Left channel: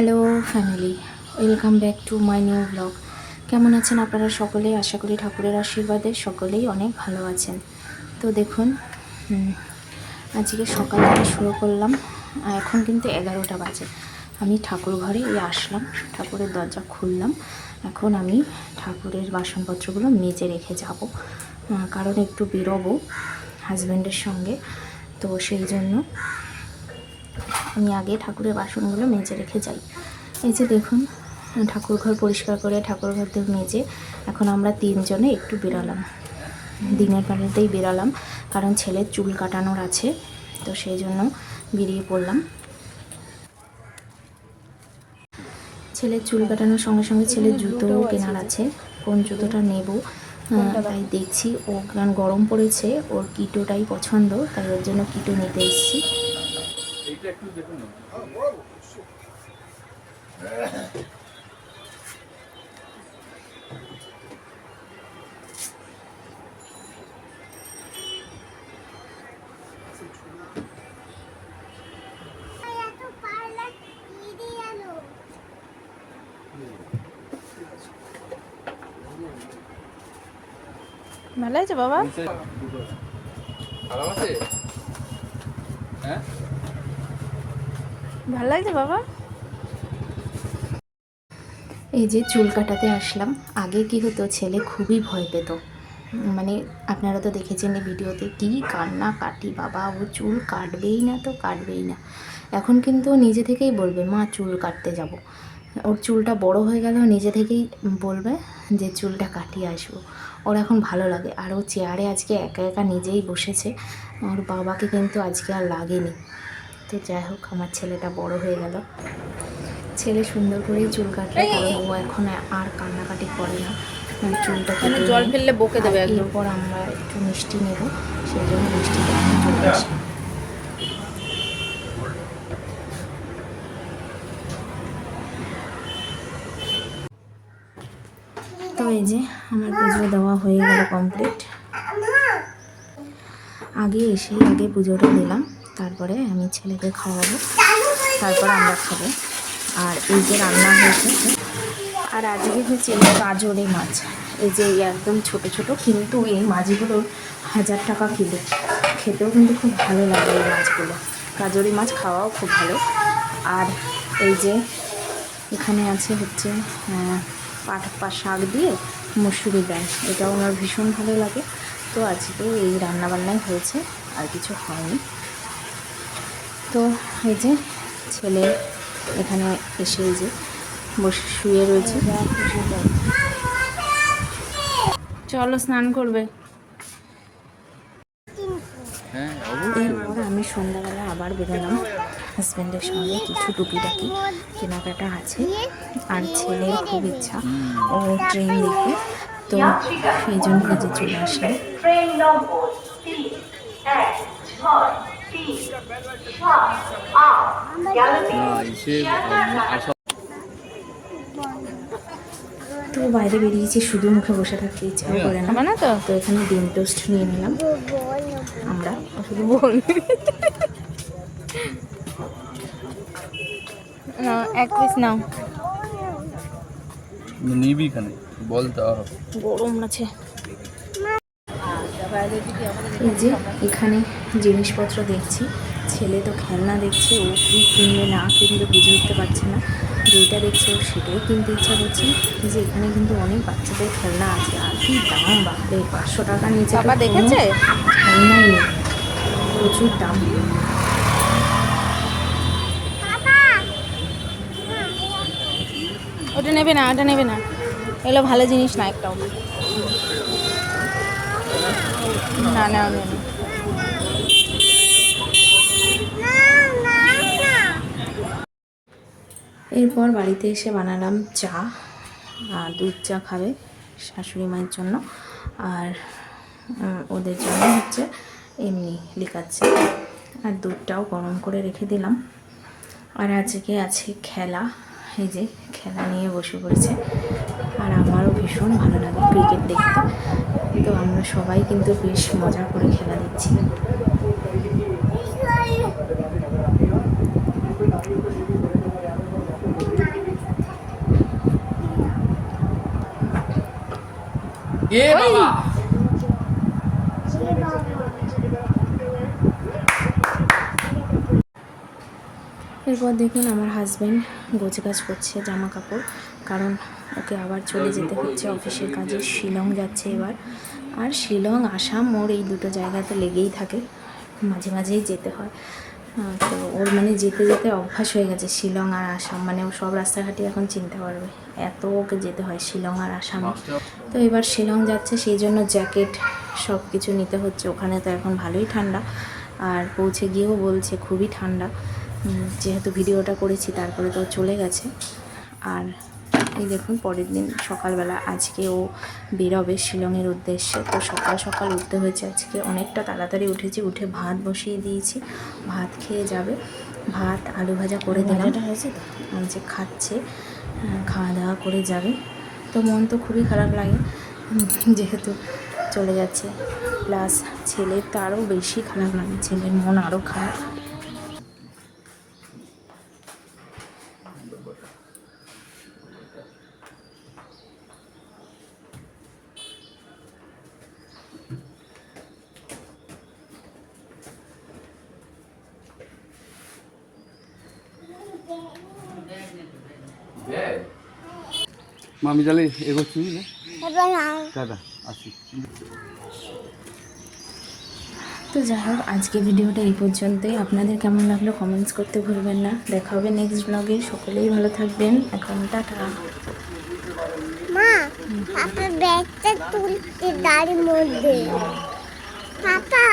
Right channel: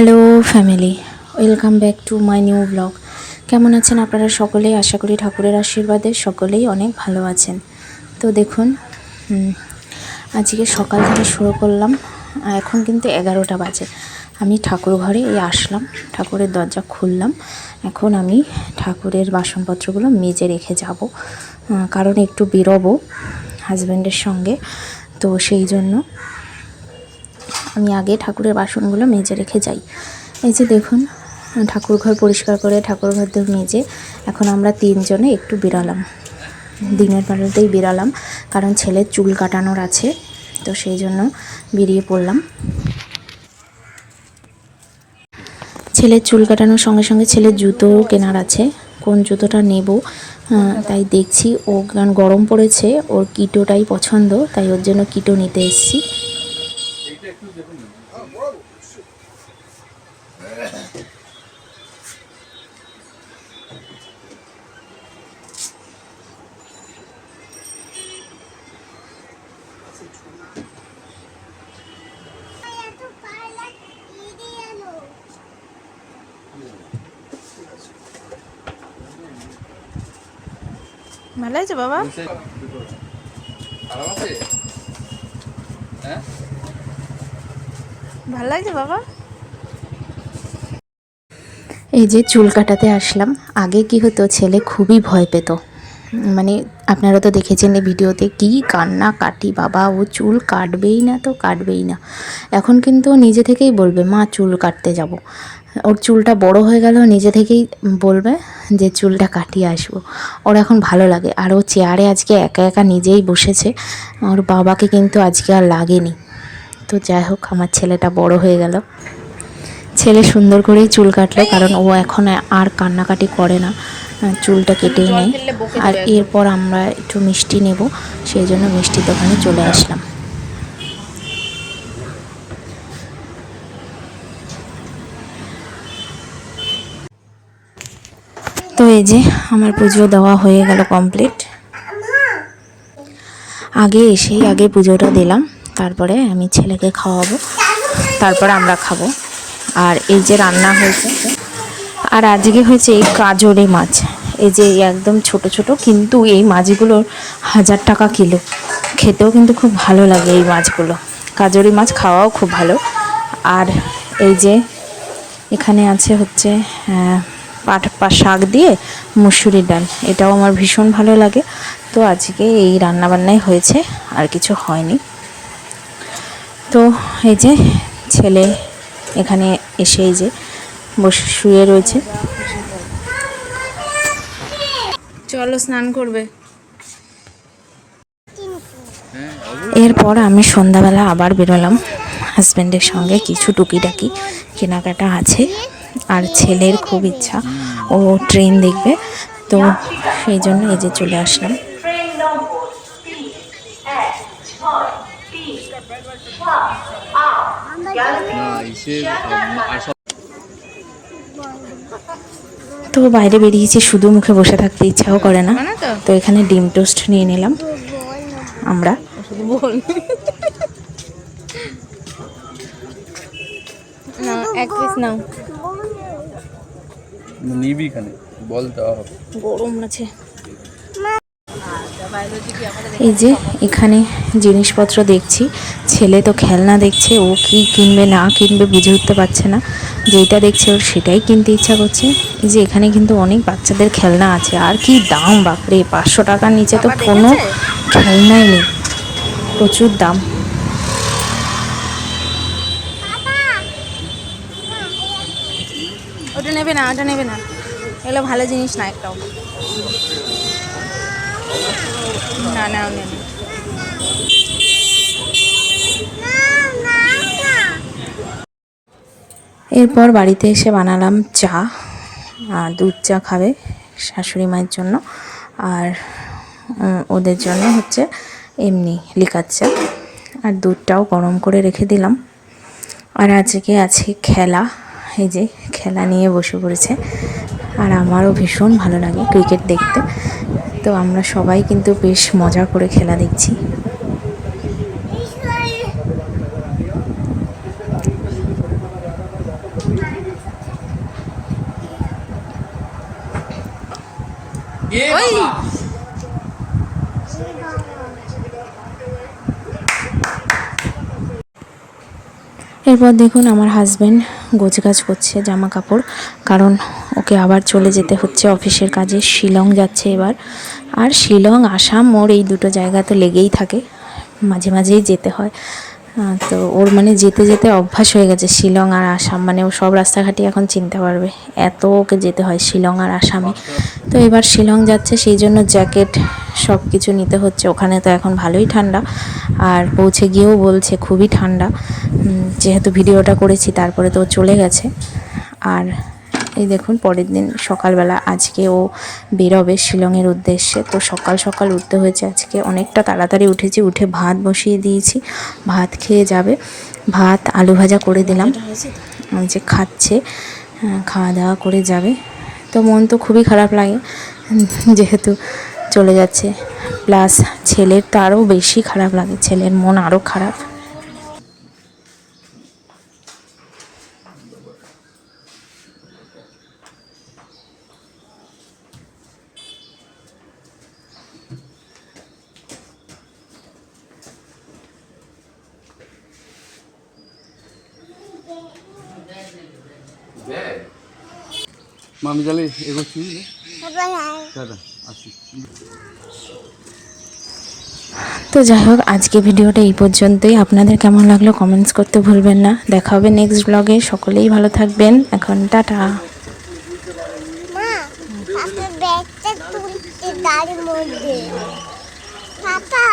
Hello family, welcome back to my new blog. কেমন আছেন আপনারা সকলেই? আশা করি ঠাকুরের আশীর্বাদে সকলেই অনেক ভালো আছেন। তো দেখুন, আজকে সকাল থেকে শুরু করলাম। এখন কিন্তু 11টা বাজে। আমি ঠাকুর ঘরে আসলাম, ঠাকুরের দরজা খুললাম। এখন আমি ঠাকুরের বাসনপত্রগুলো মেজে রেখে যাব, কারণ একটু বেরোবো হাজব্যান্ডের সঙ্গে। তো সেই জন্য আমি আগে ঠাকুরের বাসনগুলো মেজে রেখে যাই। এই যে দেখুন, ঠাকুর ঘর পরিষ্কার করে ঠাকুর ঘর মেজে এখন আমরা তিনজনে একটু বেরালাম, দিনের বেলাতেই বেরালাম, কারণ ছেলের চুল কাটানোর আছে। তো সেই জন্য বেরিয়ে পড়লাম। ছেলের চুল কাটানোর সঙ্গে সঙ্গে ছেলের জুতো কেনার আছে, কোন জুতোটা নেব তাই দেখছি। ও গরম পড়েছে, ওর কিটোটাই পছন্দ, তাই ওর জন্য কিটো নিতে এসেছি। ভালো আছে বাবা? ভালো লাগছে বাবা? এই যে চুল কাটাতে আসলাম। আগে কি হতো, ছেলে খুবই ভয় পেত, মানে আপনারা তো দেখেছেন এই ভিডিওতে কি কান্না কাটি, বাবা ও চুল কাটবেই না তো কাটবেই না। এখন কিন্তু নিজে থেকেই বলবে মা চুল কাটতে যাব। ওর চুলটা বড় হয়ে গেল, নিজে থেকেই বলবে যে চুলটা কাটিয়ে আসবো। ওর এখন ভালো লাগে। আর ও চেয়ারে আজকে একা একা নিজেই বসেছে, ওর বাবাকে কিন্তু আজকে আর লাগেনি। তো যাই হোক, আমার ছেলেটা বড় হয়ে গেল। ছেলে সুন্দর করেই চুল কাটলো, কারণ ও এখন আর কান্নাকাটি করে না, চুলটা কেটে নেয়। আর এরপর আমরা একটু মিষ্টি নেব, সেই জন্য মিষ্টি দোকানে চলে আসলাম। তো এই যে আমার পুজো দেওয়া হয়ে গেল কমপ্লিট। আগে পুজোটা দিলাম, তারপরে আমি ছেলেকে খাওয়াবো, তারপরে আমরা খাবো। আর এই যে রান্না হয়েছে, আর আজকে হয়েছে এই কাজলি মাছ। এই যে একদম ছোট ছোট, কিন্তু এই মাছগুলো 1000 টাকা কিলো। খেতেও কিন্তু খুব ভালো লাগে এই মাছগুলো, কাজলি মাছ খাওয়াও খুব ভালো। আর এই যে এখানে আছে হচ্ছে পাট শাক দিয়ে মুসুরির ডাল, এটাও আমার ভীষণ ভালো লাগে। তো আজকে এই রান্নাবান্নাই হয়েছে, আর কিছু হয়নি। তো এই যে ছেলে এখানে এসে এই যে বসে শুয়ে রয়েছে। চলো স্নান করবে। এরপর আমি সন্ধ্যাবেলা আবার বেরোলাম হাজব্যান্ডের সঙ্গে, কিছু টুকিটাকি কেনাকাটা আছে। আর ছেলের খুব ইচ্ছা ও ট্রেন দেখবে, তো সেই জন্য এই যে চলে আসলাম। তো বাইরে বেরিয়েছি, শুধু মুখে বসে থাকতে ইচ্ছাও করে না। তো এখানে ডিম টোস্ট নিয়ে নিলাম আমরা। এক পিস নাও, নিবি এখানে বল দেওয়া হবে, গরম আছে। এই যে এখানে জিনিসপত্র দেখছি, ছেলে তো খেলনা দেখছে, ও কি কিনবে না কিনবে বুঝে উঠতে পারছে না। যেটা দেখছে ওর সেটাই কিনতে ইচ্ছা করছে। এই যে এখানে কিন্তু অনেক বাচ্চাদের খেলনা আছে, আর কি দাম বাপরে, 500 টাকার নিচে তো কোনো খেলনাই নেই, প্রচুর দাম। ওটা নেবে না, ওটা নেবে না, এগুলো ভালো জিনিস না একটাও। না না নেবে। এরপর বাড়িতে এসে বানালাম চা, দুধ চা খাবে শাশুড়ি মায়ের জন্য, আর ওদের জন্য হচ্ছে এমনি লিকার চা। আর দুধটাও গরম করে রেখে দিলাম। আর আজকে আছে খেলা, এই যে খেলা নিয়ে বসে পড়েছে। আর আমারও ভীষণ ভালো লাগে ক্রিকেট দেখতে, তো আমরা সবাই কিন্তু বেশ মজা করে খেলা দেখছি। এরপর দেখুন আমার হাজব্যান্ড গোছগাছ করছে জামা কাপড়, কারণ ওকে আবার চলে যেতে হচ্ছে অফিসের কাজে। শিলং যাচ্ছে এবার। আর শিলং আসাম ওর এই দুটো জায়গা তো লেগেই থাকে, মাঝে মাঝেই যেতে হয়। তো ওর মানে যেতে যেতে অভ্যাস হয়ে গেছে শিলং আর আসাম, মানে ও সব রাস্তাঘাটই এখন চিনতে পারবে, এত ওকে যেতে হয় শিলং আর আসামে। তো এবার শিলং যাচ্ছে, সেই জন্য জ্যাকেট সব কিছু নিতে হচ্ছে। ওখানে তো এখন ভালোই ঠান্ডা, আর পৌঁছে গিয়েও বলছে খুবই ঠান্ডা। যেহেতু ভিডিওটা করেছি তারপরে তো ও চলে গেছে। আর এই দেখুন পরের দিন সকালবেলা আজকে ও বেরোবে শিলংয়ের উদ্দেশ্যে। তো সকাল সকাল উঠতে হয়েছে আজকে, অনেকটা তাড়াতাড়ি উঠেছি। উঠে ভাত বসিয়ে দিয়েছি, ভাত খেয়ে যাবে। ভাত আলু ভাজা করে দিলাম, ওই যে খাচ্ছে, খাওয়া দাওয়া করে যাবে। তো মন তো খুবই খারাপ লাগে যেহেতু চলে যাচ্ছে, প্লাস ছেলের তো আরও বেশি খারাপ লাগে, ছেলের মন আরও খারাপ। মামি তাহলে এগোচ্ছি, বুঝলে দাদা আসি। তো যাই হোক, আজকে ভিডিওটা এই পর্যন্তই। আপনাদের কেমন লাগলো কমেন্টস করতে ভুলবেন না। দেখা হবে নেক্সট ব্লগে। সকলেই ভালো থাকবেন। এখন টাটা। মা, পাপা ব্যাগটা তুলতে গাড়ির মধ্যে। পাপা